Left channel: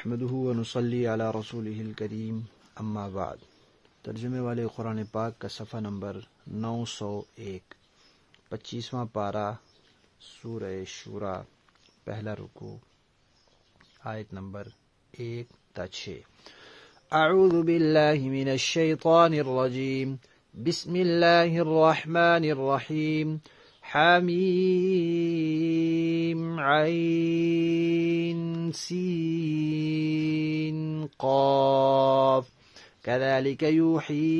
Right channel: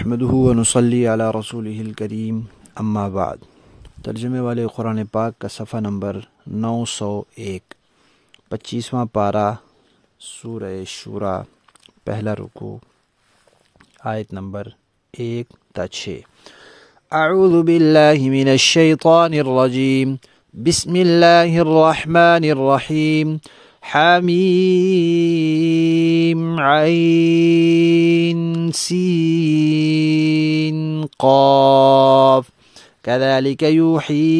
نحمده ونصلي علی رسولہ الکریم اما بعد۔ ترجمے والے قرآن پاک کا صفحہ نمبر 901، 25واں پارہ، سورہ شورى، پہلا رکوع، آیت نمبر 1 تا 6۔ اعوذ باللہ من الشیطان الرجیم، بسم اللہ الرحمن الرحیم، حمیم عین سین قاف كذلك يوحي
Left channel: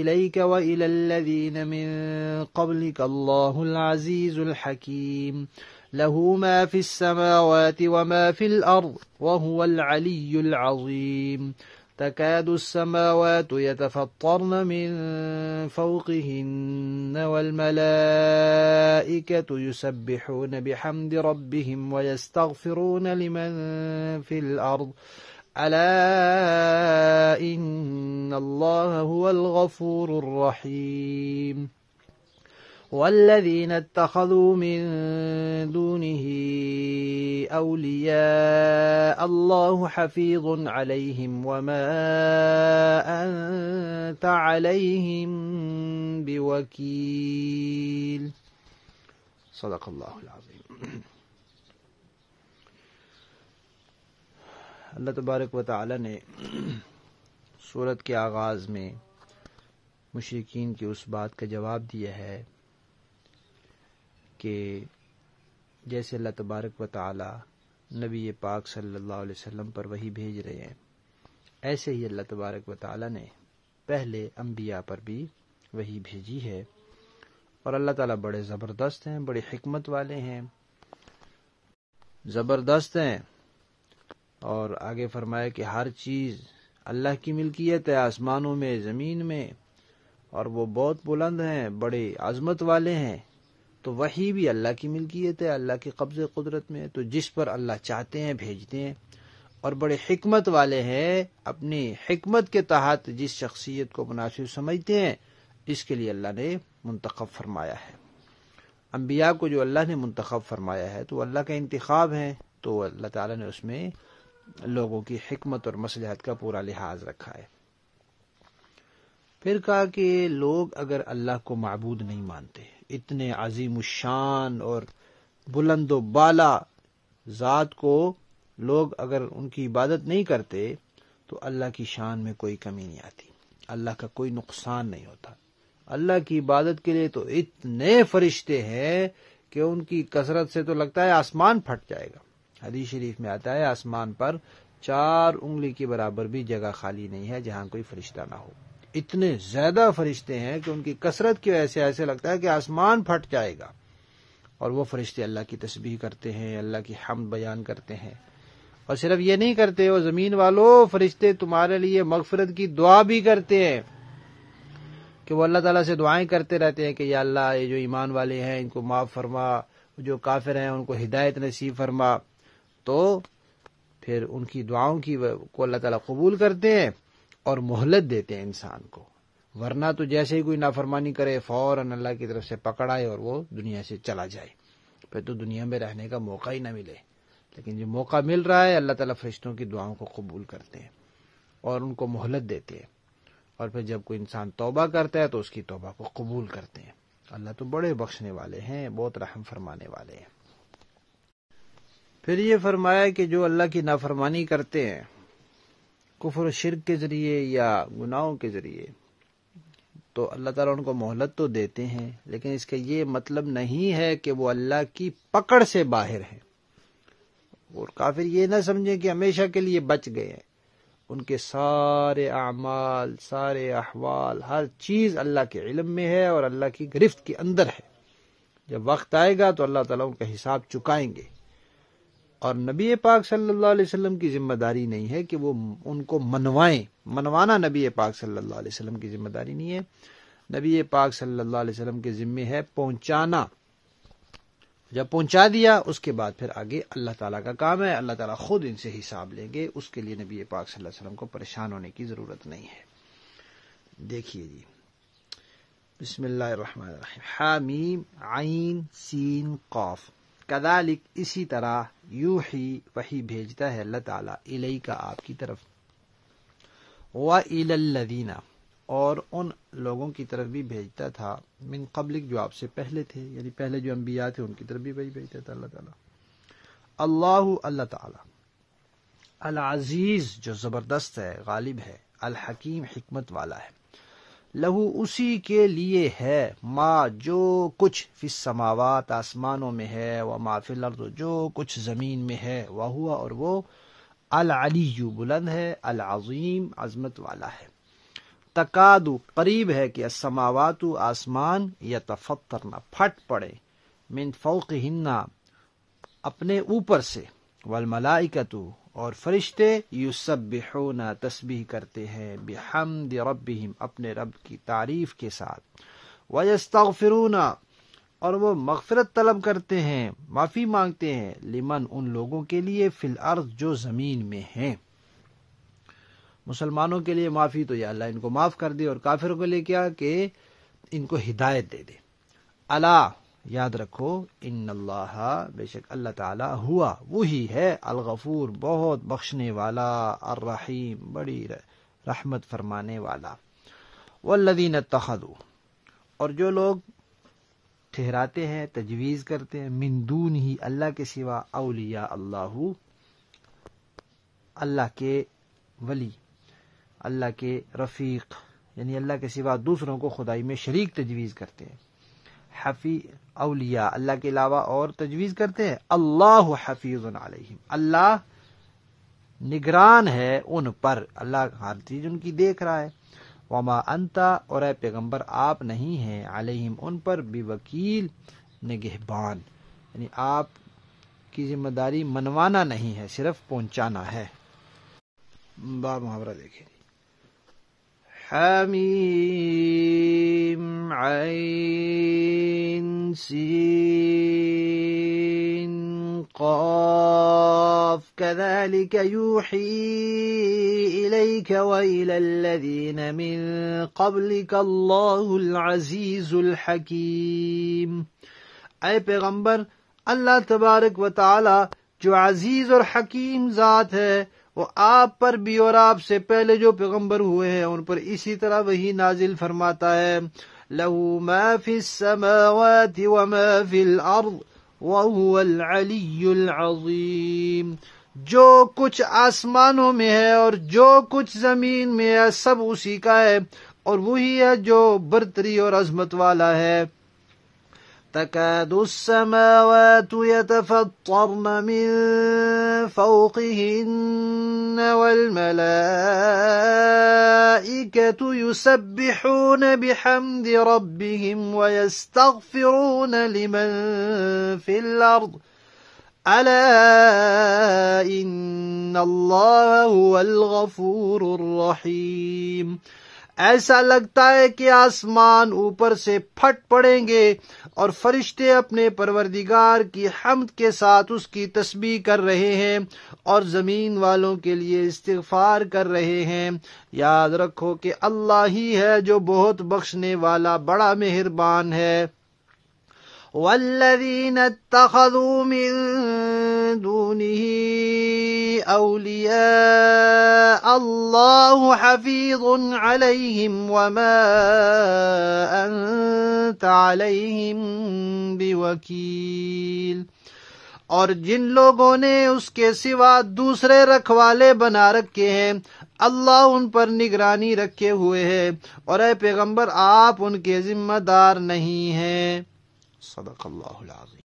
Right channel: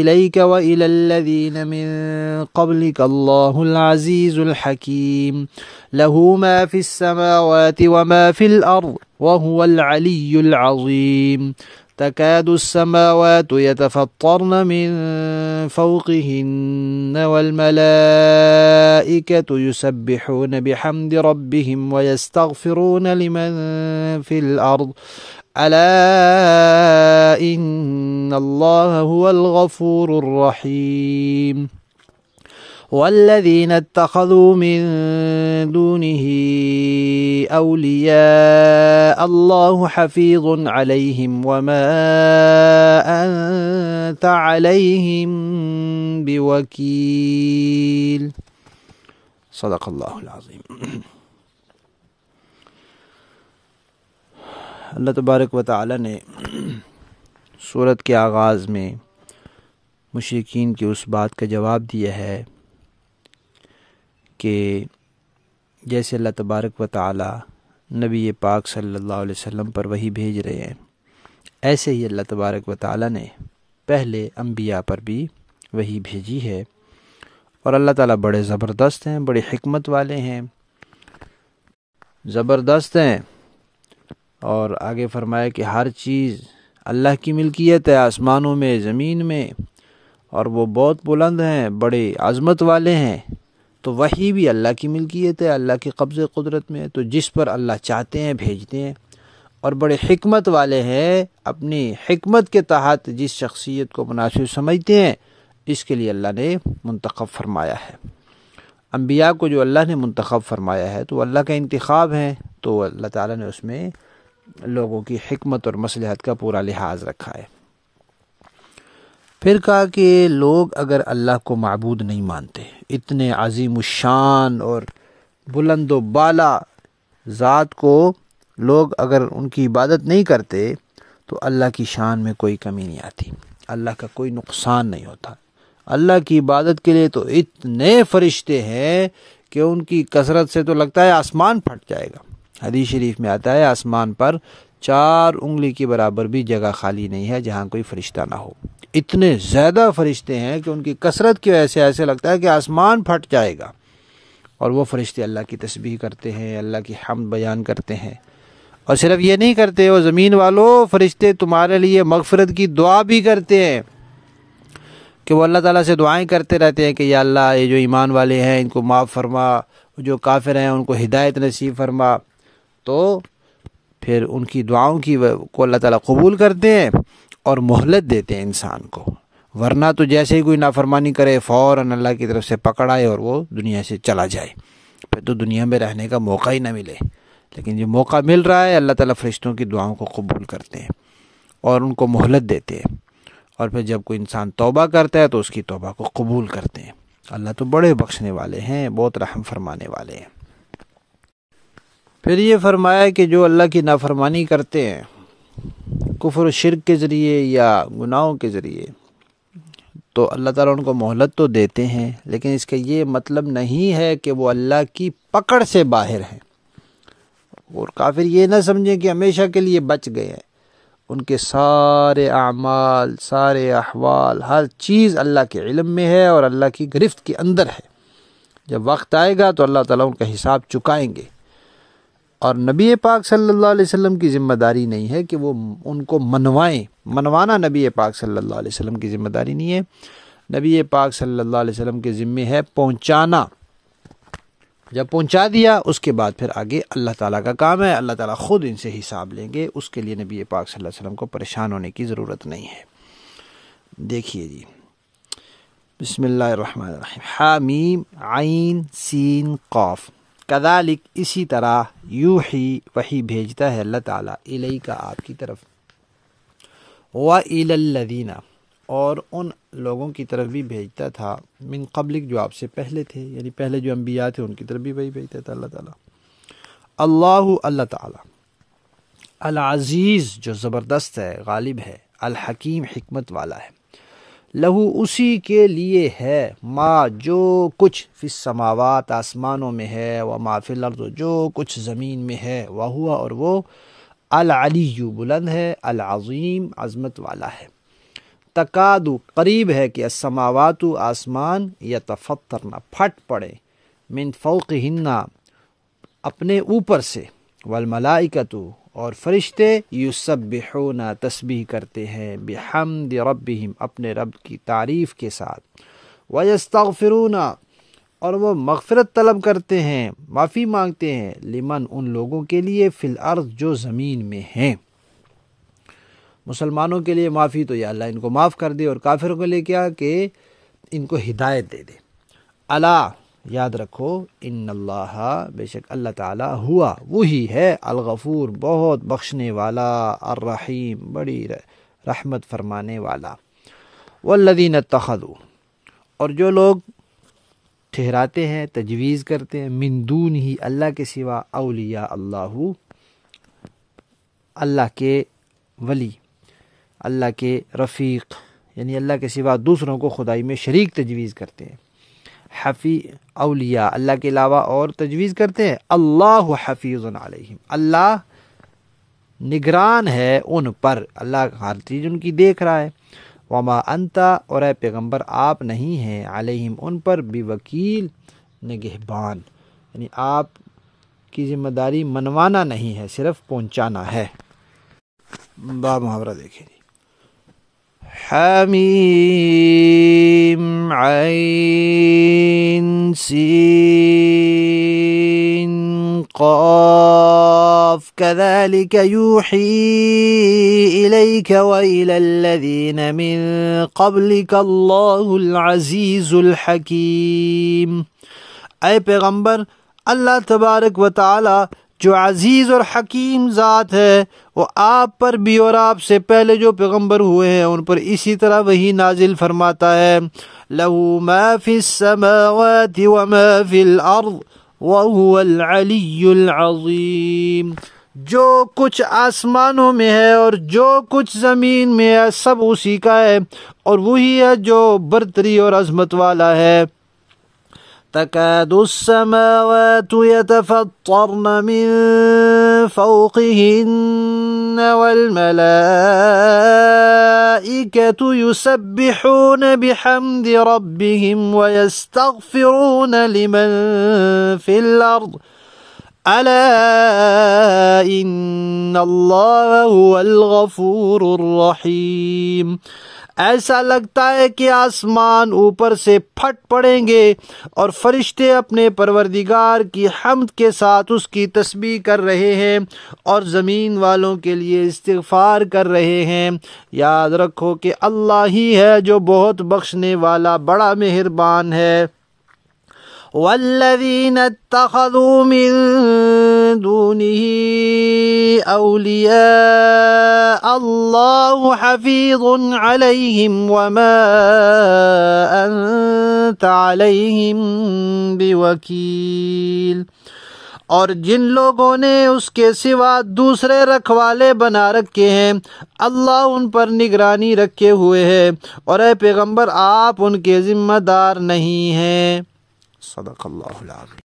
إليك وإلى الذين من قبلك الله العزيز الحكيم له ما في السماوات وما في الأرض وهو العلي العظيم تكاد السماوات يتفطرن من فوقهن والملائكة يسبحون بحمد ربهم ويستغفرون لمن في الأرض ألا إن الله هو الغفور الرحيم والذين اتخذوا من دونه أولياء الله حفيظ عليهم وما أنت عليهم بوكيل صدق اللہ العظیم۔ اللہ تبارک و تعالی نے سورت کے آغاز میں مشرکین کی اس بات کا جواب دیا ہے کہ جیسے اللہ تبارک و تعالی نبی پاک صلی اللہ علیہ وسلم پر وحی بھیج رہے ہیں، ایسے ہی اللہ تبارک و تعالی نے پہلے انبیاء پر بھی وحی بھیجی ہے، اور اللہ تعالیٰ بڑے زبردست ہیں، بڑی حکمت والے ہیں، زبردست ہیں۔ اور آگے فرمایا کہ ہر چیز اللہ کی ملکیت ہے، آسمانوں میں، زمین میں، اور وہ بہت بلند ہیں، بڑے عظمت والے ہیں۔ تو وحی بھی اللہ کی ملکیت ہے، اللہ کی قبض قدرت میں، تو جس پر اللہ چاہتے ہیں بھیجتے ہیں، اور بڑے حکمت والے ہیں، اپنی حکمت کے تحت جس شخصیت کو مناسب سمجھتے ہیں اس کے لیے اللہ نے منتخب فرمایا ہے۔ انبیاء کو جو اللہ نے منتخب فرمایا ہے تو اللہ کا انتخاب ہے، تو اللہ تعالیٰ نے اس میں لوگوں کی حکمت اور مصلحت کا پورا لحاظ رکھا ہے۔ پھر کہا کہ لوگ اگر اللہ کو معبود نہیں مانتے، اتنے عظیم الشان اور بلند و بالا ذات کو لوگ اگر ان کی عبادت نہیں کرتے تو اللہ کی شان میں کوئی کمی نہیں آتی، اللہ کا کوئی نقصان نہیں ہوتا۔ اللہ کی عبادت کے لیے تو اتنے فرشتے ہیں کہ ان کی کثرت سے تو لگتا ہے آسمان پھٹ جائے گا۔ حدیث شریف میں آتا ہے آسمان پر 4 انگلی کی برابر بھی جگہ خالی نہیں ہے جہاں کوئی فرشتہ نہ ہو۔ اتنے زیادہ فرشتے ہیں کہ ان کی کثرت کی وجہ سے ایسے لگتا ہے کہ آسمان پھٹ جائے گا، اور وہ فرشتے اللہ کی تسبیح کرتے ہیں، اللہ کی حمد بیان کرتے ہیں۔ اور صرف یہ نہیں کرتے، وہ زمین والوں فرشتے تمہارے لیے مغفرت کی دعا بھی کرتے ہیں، کہ وہ اللہ تعالیٰ سے دعائیں کرتے رہتے ہیں کہ یا اللہ یہ جو ایمان والے ہیں ان کو معاف فرما، جو کافر ہیں ان کو ہدایت نصیب فرما۔ تو پھر ان کی دعاؤں کو اللہ تعالیٰ قبول کرتے ہیں اور مہلت دیتے ہیں انسان کو، ورنہ تو جیسے ہی کوئی نافرمانی کرے فوراً اللہ کی طرف سے پکڑ آئے اور وہ دنیا سے چلا جائے، پھر تو دنیا میں رہنے کا موقع ہی نہ ملے۔ لیکن جو موقع مل رہا ہے اللہ تعالیٰ فرشتوں کی دعاؤں کو قبول کرتے ہیں اور ان کو مہلت دیتے ہیں، اور پھر جب کوئی انسان توبہ کرتا ہے تو اس کی توبہ کو قبول کرتے ہیں۔ اللہ تو بڑے بخشنے والے ہیں، بہت رحم فرمانے والے ہیں۔ پھر یہ فرمایا کہ جو اللہ کی نافرمانی کرتے ہیں کفر و شرک کے ذریعے یا گناہوں کے ذریعے، تو اللہ تعالیٰ ان کو مہلت تو دیتے ہیں، لیکن اس کا یہ مطلب نہیں ہے کہ وہ اللہ کی پکڑ سے باہر ہیں، اور کافر یہ نہ سمجھیں کہ ہمیشہ کے لیے بچ گئے ہیں۔ ان کے سارے اعمال، سارے احوال، ہر چیز اللہ کے علم میں ہے اور اللہ کی گرفت کے اندر ہے۔ جب وقت آئے گا تو اللہ تعالیٰ ان کا حساب چکائیں گے، اور نبی پاک صلی اللہ علیہ وسلم کی ذمہ داری نہیں ہے کہ وہ ان کو منوائیں، منوانا نبی پاک صلی اللہ علیہ وسلم کی ذمہ داری نہیں ہے۔ نبی پاک صلی اللہ علیہ وسلم کے ذمہ ہے پہنچانا، جب پہنچا دیا اس کے بعد پھر آگے اللہ تعالیٰ کا کام ہے، اللہ تعالیٰ خود ان سے حساب لیں گے، اس کے لیے نبی پاک صلی اللہ علیہ وسلم کو پریشان ہونے کی ضرورت نہیں ہے۔ دیکھیے جی، بسم اللہ الرحمن الرحیم، حامیم عین سین قاف۔ کذالک اسی طرح یوحی وحی بھیجتا ہے اللہ تعالیٰ الیکا آپ کی طرف، وَإِلَى الَّذِينَ اور ان لوگوں کی طرف بھی بھیجتا تھا من قبلک جو آپ سے پہلے تھے، یعنی پہلے جو انبیاء تھے ان کی طرف بھی وہی بھیجتا تھا اللہ تعالیٰ۔ اللہ تعالیٰ العزیز جو زبردست ہے، غالب ہے، الحکیم حکمت والا ہے، لہو اسی کے لیے ہے ما جو کچھ فی السماوات آسمانوں میں ہے، وما فی الارض جو کچھ زمین میں ہے، وہو اور وہ العلی بلند ہے، العظیم عظمت والا ہے۔ تکاد قریب ہے کہ السماوات آسمان یتفطرن پھٹ پڑے، من فوقہن اپنے اوپر سے، والملائکۃ اور فرشتے یسبحون تسبیح کرتے ہیں، بحمد ربہم اپنے رب کی تعریف کے ساتھ، ویستغفرون اور وہ مغفرت طلب کرتے ہیں، معافی مانگتے ہیں، لمن ان لوگوں کے لیے فی الارض جو زمین میں ہیں۔ مسلمانوں کے لیے معافی تو یا اللہ ان کو معاف کر دے، اور کافروں کے لیے کیا کہ ان کو ہدایت دے دے۔ الا یاد رکھو، ان اللہ بے شک اللہ تعالی ہوا وہی ہے، الغفور بہت بخشنے والا، الرحیم بڑی رحمت فرمانے والا۔ والذین اتخذوا اور جو لوگ ٹھہراتے ہیں، تجویز کرتے ہیں، من دون ہی اللہ کے سوا، اولیاء اللہ کے ولی، اللہ کے رفیق، یعنی اللہ کے سوا دوسروں کو خدائی میں شریک تجویز کرتے ہیں۔ اولیاء اللہ کے علاوہ اور تجویز کرتے ہیں، اللہ حفیظ علیہم اللہ نگران ہے ان پر، اللہ ہر چیز ان کی دیکھ رہا ہے۔ وما انت اور اے پیغمبر آپ نہیں ہیں، علیہم ان پر، بوکیل نگہبان، یعنی آپ کی ذمہ داری منوانا نہیں ہے، صرف پہنچانا ہے۔ باب محاورہ دیکھیں۔ حمیم عین سین قاف كذلك يوحي إليك وإلى الذين من قبلك الله العزيز الحكيم۔ اے پیغمبر، اللہ تبارک و تعالی جو عزیز اور حکیم ذات ہے، وہ آپ پر بھی اور آپ سے پہلے جو پیغمبر ہوئے ہیں ان پر اسی طرح وہی نازل فرماتا ہے۔ لَهُ مَا فِي السَّمَاوَاتِ وَمَا فِي الْأَرْضِ وَهُوَ الْعَلِيُّ الْعَظِيمُ جو کچھ آسمانوں میں ہے اور جو کچھ زمین میں ہے سب اسی کا ہے، اور وہی ہے جو برتری اور عظمت والا ہے۔ تكاد السماوات يتفطرن من فوقهن والملائكة يسبحون بحمد ربهم ويستغفرون لمن في الأرض ألا إن الله هو الغفور الرحيم۔ ایسا لگتا ہے کہ آسمان اوپر سے پھٹ پڑیں گے اور فرشتے اپنے پروردگار کی حمد کے ساتھ اس کی تسبیح کر رہے ہیں اور زمین والوں کے لیے استغفار کر رہے ہیں۔ یاد رکھو کہ اللہ ہی ہے جو بہت بخشنے والا، بڑا مہربان ہے۔ والذین اتخذوا من دونه اولیاء اللہ حفیظ علیہم وما انت علیہم بوکیل۔ اور جن لوگوں نے اس کے سوا دوسرے رکھوالے بنا رکھے ہیں، اللہ ان پر نگرانی رکھے ہوئے ہے، اور اے پیغمبر آپ ان کے ذمہ دار نہیں ہیں۔ صدق اللہ العظیم۔